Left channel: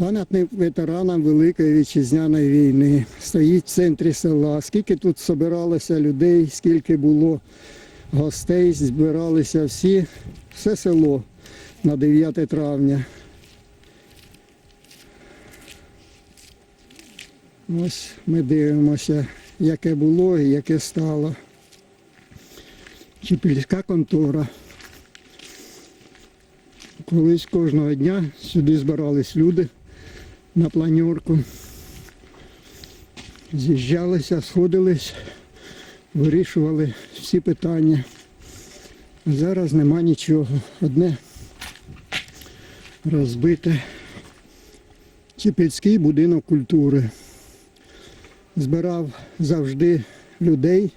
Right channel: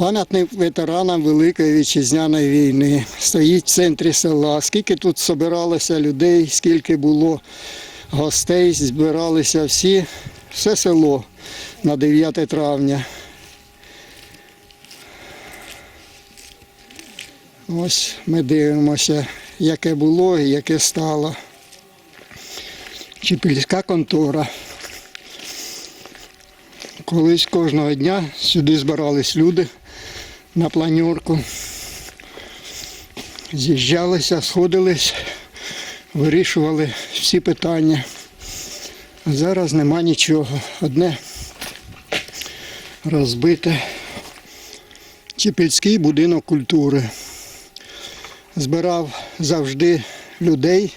Пам'ятник ветеранам Великої вітчизняної війни. Стоїть в центрі села. Скільки тут збиралося людей, скільки було гостей, збиралися всі, все село на 9 травня. Ось ми дивимося, яке було і яке стало. Чіпільська контора. Колись кожного дня сюди збирались люди на планерку. З'їжджалися, сходились, вирішували всі питання. Зараз нема нічого. Одне розбите. Чіпільський будинок культури. Збирав завжди людей.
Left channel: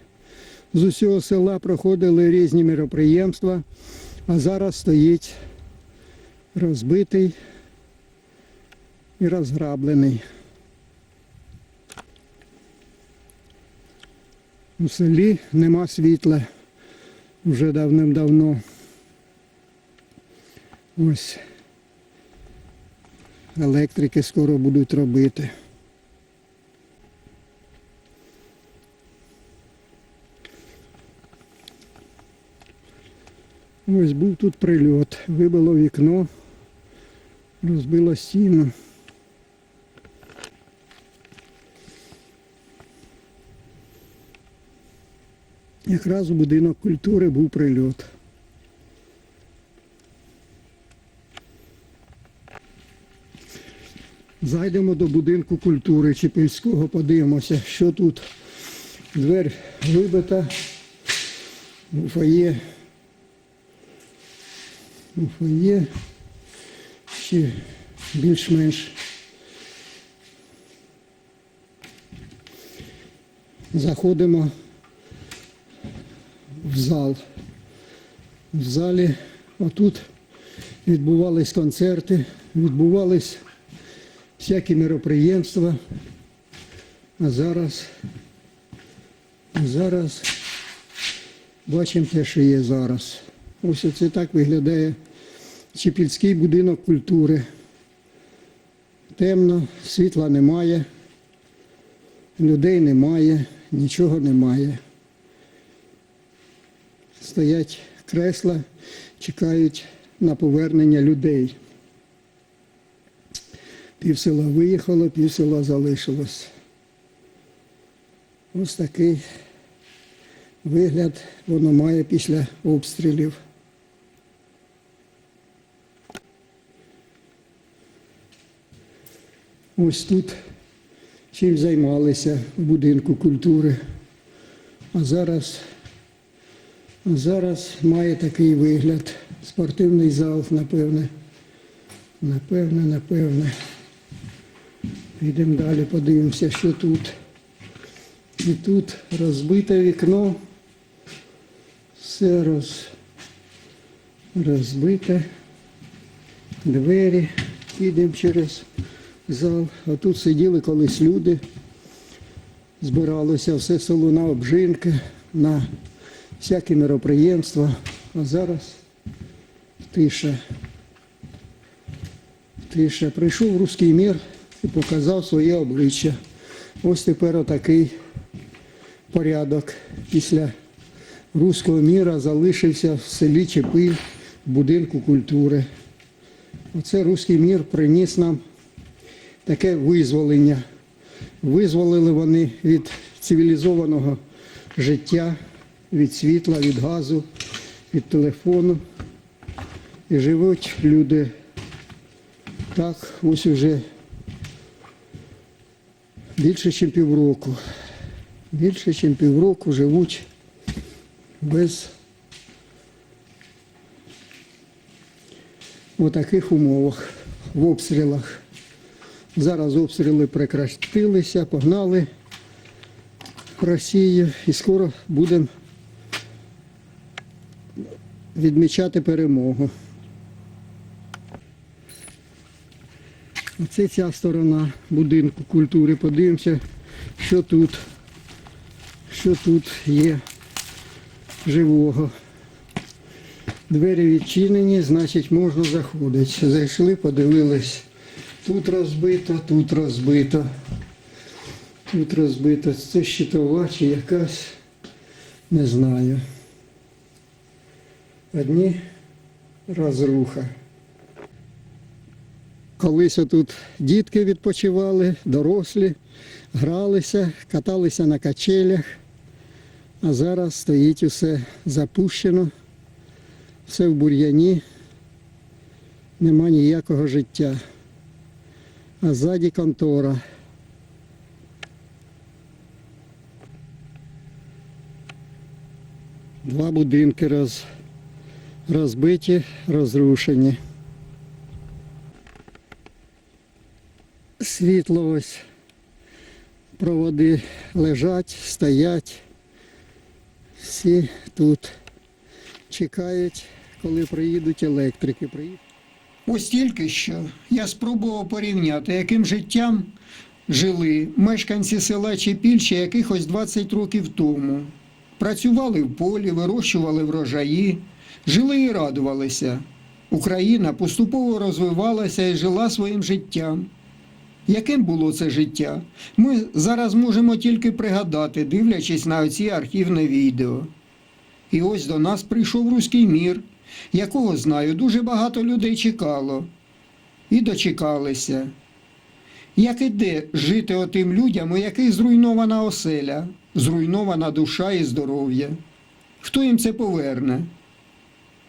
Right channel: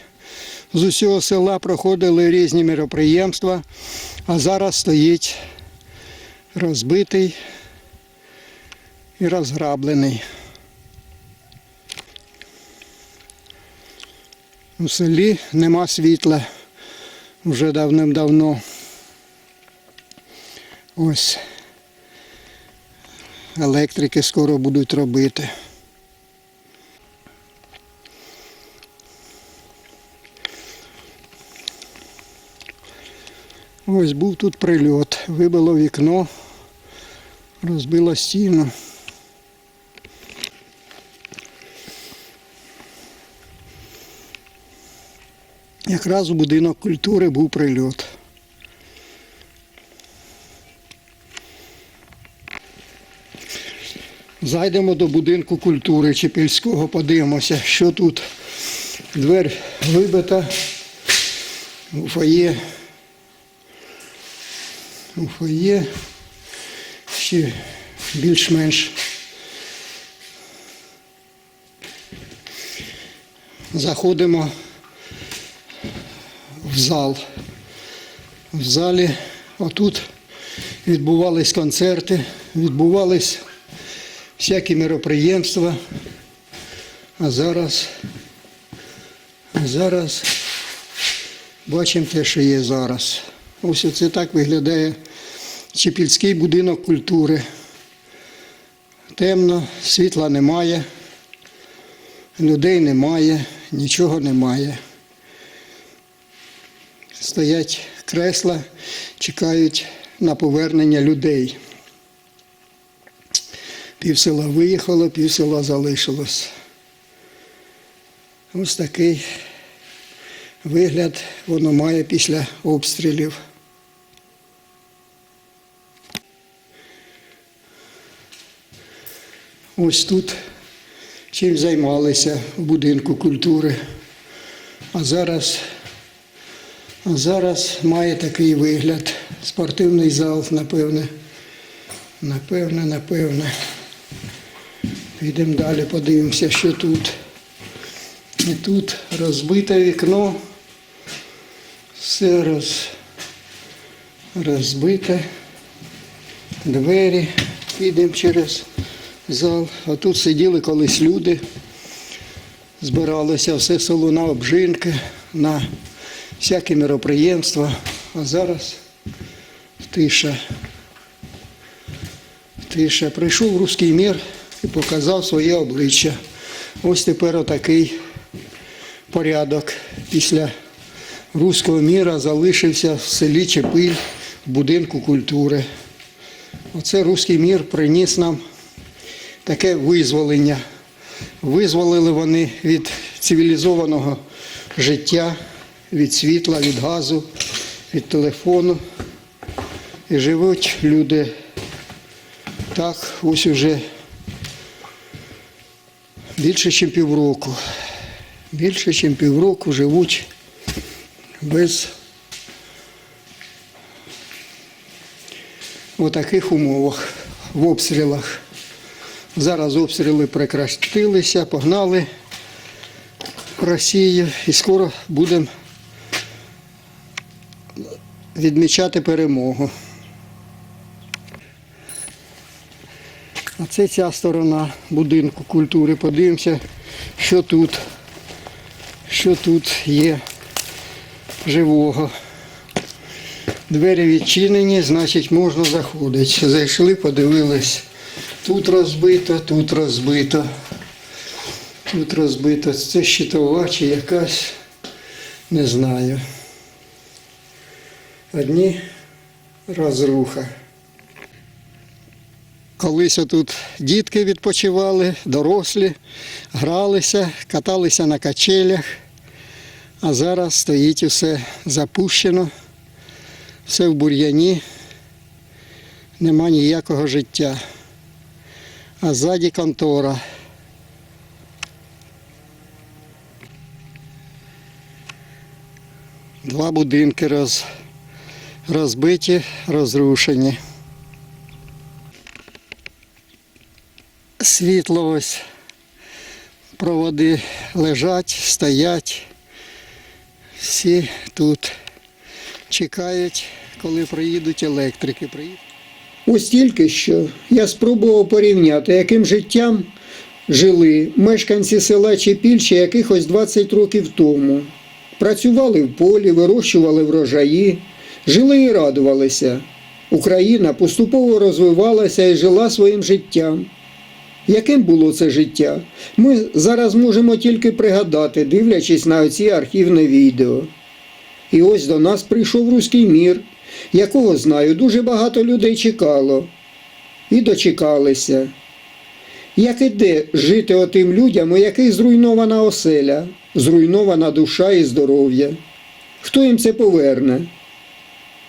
З усього села проходили різні мероприємства, а зараз стоїть розбитий і розграблений. У селі нема світла вже давним-давно. Ось електрики скоро будуть робити. Ось був тут прильот, вибило вікно, розбило стіну. Якраз у будинок культури був прильот. Зайдемо до будинку культури Чепільського, подивимося, що тут. Двер вибита, у фоє у фоє ще більш-менш. Заходимо зал. В залі отут відбувались концерти, відбувались всякі мероприємства. А зараз, зараз бачимо те, що є зараз. Ось це так виглядає Чепільський будинок культури. Темно, світла немає, людей немає, нічого немає. Стоять кресла, чекають на повернення людей. Пів села виїхало, пів села залишилось. Ось такий вигляд воно має після обстрілів. Ось тут чим займалися в будинку культури. А зараз, зараз має такий вигляд. Спортивний зал, напевне. Напевне, напевне. Підемо далі, подивимося, що тут. І тут розбите вікно. Все роз, розбите. Двері. Підемо через зал. А тут сиділи колись люди. Збиралося все село на обжинки, на всякі мероприємства. А зараз тиша. Тиша. Прийшов руський мір і показав своє обличчя. Ось тепер отакий порядок. Після руського міра залишився в селі Чепиль в будинку культури. Оце руський мір приніс нам таке визволення. Визволили вони від цивілізованого життя, від світла, від газу, від телефону. І живуть люди так ось уже більше, ніж півроку. Більше, ніж півроку живуть без таких умовах, в обстрілах. Зараз обстріли прекратилися, погнали Росію і скоро будемо відмічати перемогу. А це ця сторона будинку культури. Подивимося, що тут, що тут є живого. Двері відчинені, значить можна заходити. Зайшли, подивились, Тут розбито, тут розбито. Тут розбито. Це щитова чи якась, не знаю. Одні розруха. Колись тут дітки відпочивали, дорослі, гралися, каталися на качелях, а зараз стоїть усе запущено, все в бур'яні, нема ніякого життя. А ззаді контора. Два будинки роз, розбиті, розрушені. Світло ось, проводи лежать, стоять. Всі тут чекають, коли приїдуть електрики. Ось тільки що я спробував порівняти, яким життям жили мешканці села Чепільче якихось 20 років тому. Працювали в полі, вирощували врожаї, жили і радувалися. Україна поступово розвивалася і жила своїм життям. Яким було це життя? Ми зараз можемо тільки пригадати, дивлячись на оці архівне відео. І ось до нас прийшов руський мір, якого знаю, дуже багато людей чекало. І дочекалися. Як іде жити отим людям, у яких зруйнована оселя, зруйнована душа і здоров'я? Хто їм це поверне?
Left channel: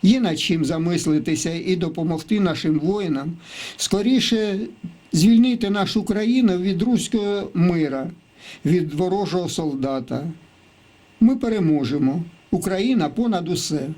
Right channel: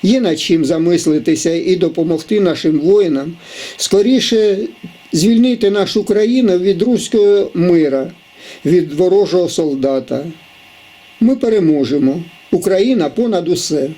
Є над чим замислитися і допомогти нашим воїнам скоріше звільнити нашу країну від руського мира, від ворожого солдата. Ми переможемо. Україна понад усе.